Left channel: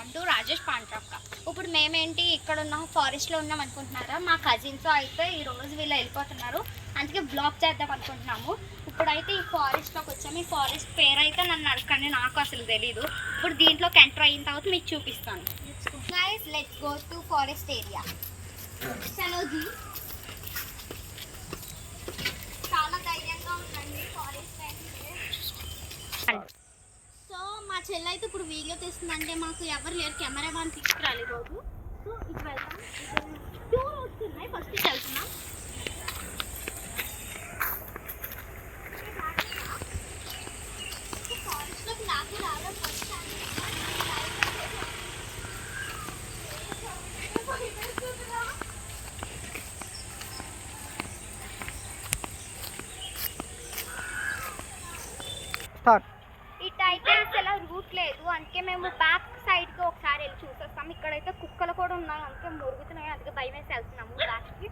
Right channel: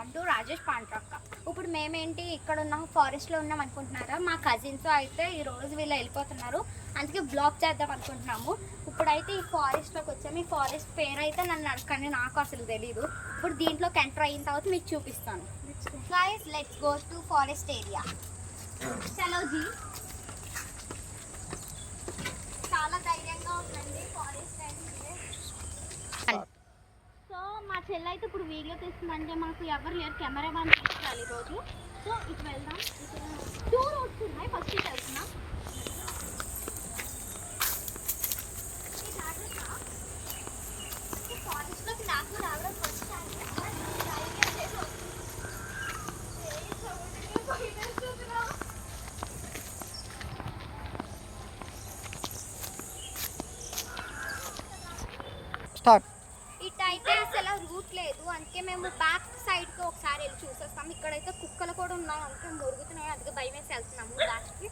Welcome to Rajesh పాంట్రక్క. ఇప్పుడు మేమేంటి ఇక్కడ ఉన్న ఫారెస్ట్లో ఉన్నాం అనుకుంటున్నారా? మా కజిన్స్ అయితే ఈరోజు వీళ్ళు వెళ్ళిపోతున్నారు, అందుకే బ్లాగ్ చేద్దాం అనుకుంటున్నాము. ఇప్పుడైతే ఈ ఫారెస్ట్లోకి వచ్చాము. ఈ ఫారెస్ట్ పేరు అయితే నన్ను అడగండి, నాకు అసలు తెలీదు. ఇప్పుడు దీంట్లోకి ఎంటర్ అయిన తర్వాత మీకు చూపిస్తాను. Guys, let's go to forest area. చలో జీ. చాలా ధైర్యంగా ఉందండి ఫారెస్ట్ అయితే. సో మా చెల్లి అయితే ఇప్పుడు వీడియో తీస్తుందంటే మాకు ఎవరు లేరు, కెమెరా మ్యాన్ తీసుకురాలి రోజు. సో ఇటు వెళ్దాం. టూ రోడ్స్ ఉన్నాయి, ఫస్ట్ ఇటు వెళ్తున్నాం. ఫారెస్ట్లోకి నాకు రావడం ఫస్ట్ టైం. ఇటు అయితే అసలు రూట్ లేదు, అందుకే మేము బ్యాక్ సైడ్కి ఒకసారి వెళ్ళి చూసేస్తాం. ఇక్కడైతే కుక్కలు కూడా ఉన్నాయి, అందుకే మురుగుతున్నాయి, అందుకే భయం వేసి వెళ్తున్నాము బ్యాక్కి.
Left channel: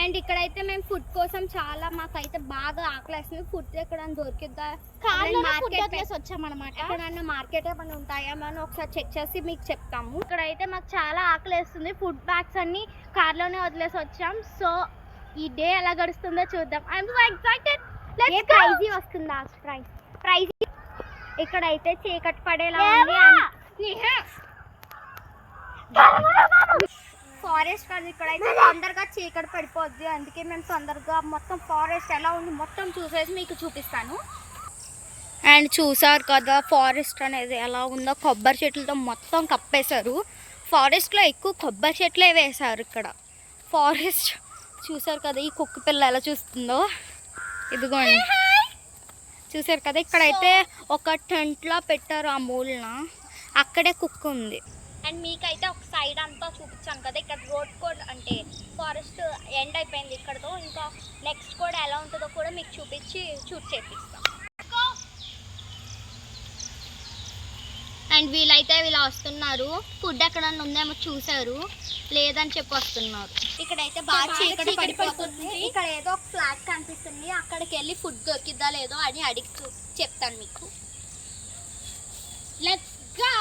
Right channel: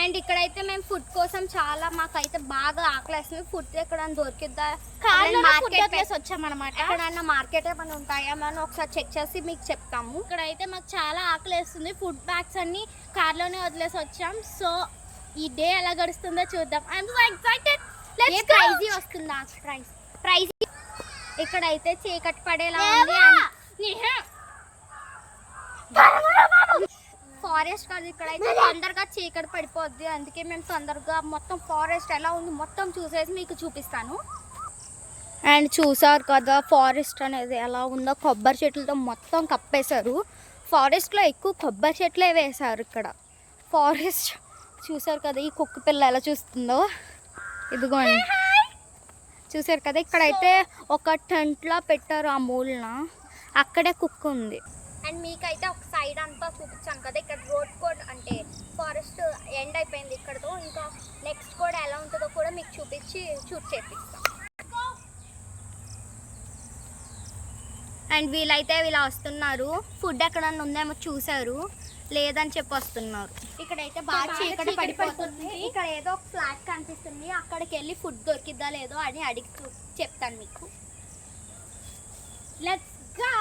అండ్ ఇక్కడైతే మేము ఫుడ్ కోసం మాకైతే బాగా ఆకలేస్తుంది. ఫుడ్ ఎక్కడ దొరికిద్దా, మార్కెట్ వచ్చామన్నమాట. ఎక్కడన్నా మార్కెట్ ఏమైనా ఉంటాయా మనం ఒకసారి చెక్ చేసి మీకు చెప్తాము. ఇక్కడైతే మాకు చాలా ఆకలేస్తుంది. ఫుడ్ బ్యాగ్స్ అన్ని కార్లోనే వదిలేసి వచ్చాం. సో ఈ డే ఎలా గడుస్తుందో చూద్దాం. I'm so excited. ఏ ప్రైజ్ వస్తుందా? ప్రైజ్ ఇక్కడైతే చీకటి పడేలా ఉంది. ఫారెస్ట్ కాదు, ఇక్కడైతే తొందరగా చీకటి పడిపోద్ది, అందుకే మేము తొందరగా మొత్తం ఫారెస్ట్ ఎలా ఉంది మొత్తం చూసేసి మీకు చూపిస్తాను. అండ్ చూసారు కదా ఫారెస్ట్ అనేది ఎలా ఉందో, కొబ్బరి చెట్లతో మొత్తం కప్పేశారు. ఫారెస్ట్లో ఎక్కువ కొబ్బరి చెట్లే వేశారు ఇక్కడ. ఫారెస్ట్ చూసారు కదా, ఈ కుక్క పిల్ల ఎలా చూస్తుందో, ఇదిగోండి చూసారు కదా. ఇక్కడైతే ఒక టెంట్లో పెట్టారు, ఆ మూలన అక్కడే కుక్క ఉంది. అండ్ మీకైతే ఒక సైడ్ అంతా చూపించాను కదా, ఇక్కడ రోడ్ కూడా అంటే ఫారెస్ట్ ఎండ్ అయిపోయింది ఇక్కడతో. ఇంకా నెక్స్ట్ కూడా ఎలా ఉంటుందో కూడా మీకు చూపించి షూట్ చేపిస్తాం. అండ్ వీళ్ళైతే వీళ్ళు వస్తున్నారు, ఫుడ్ ఎక్కడన్నా ఉందేమో చూసారు, లేదని చెప్పి వస్తున్నారు. ఇక్కడైతే బాగా చీకటి పడిపోతుంది. ఇక్కడ ఏదో ఒక ఫ్లాట్ కనిపిస్తుంది, అక్కడికి వెళ్ళి ఫుడ్ దొరికిద్దా లేదో అని అడిగి చెప్తాను మీకు. Let's go.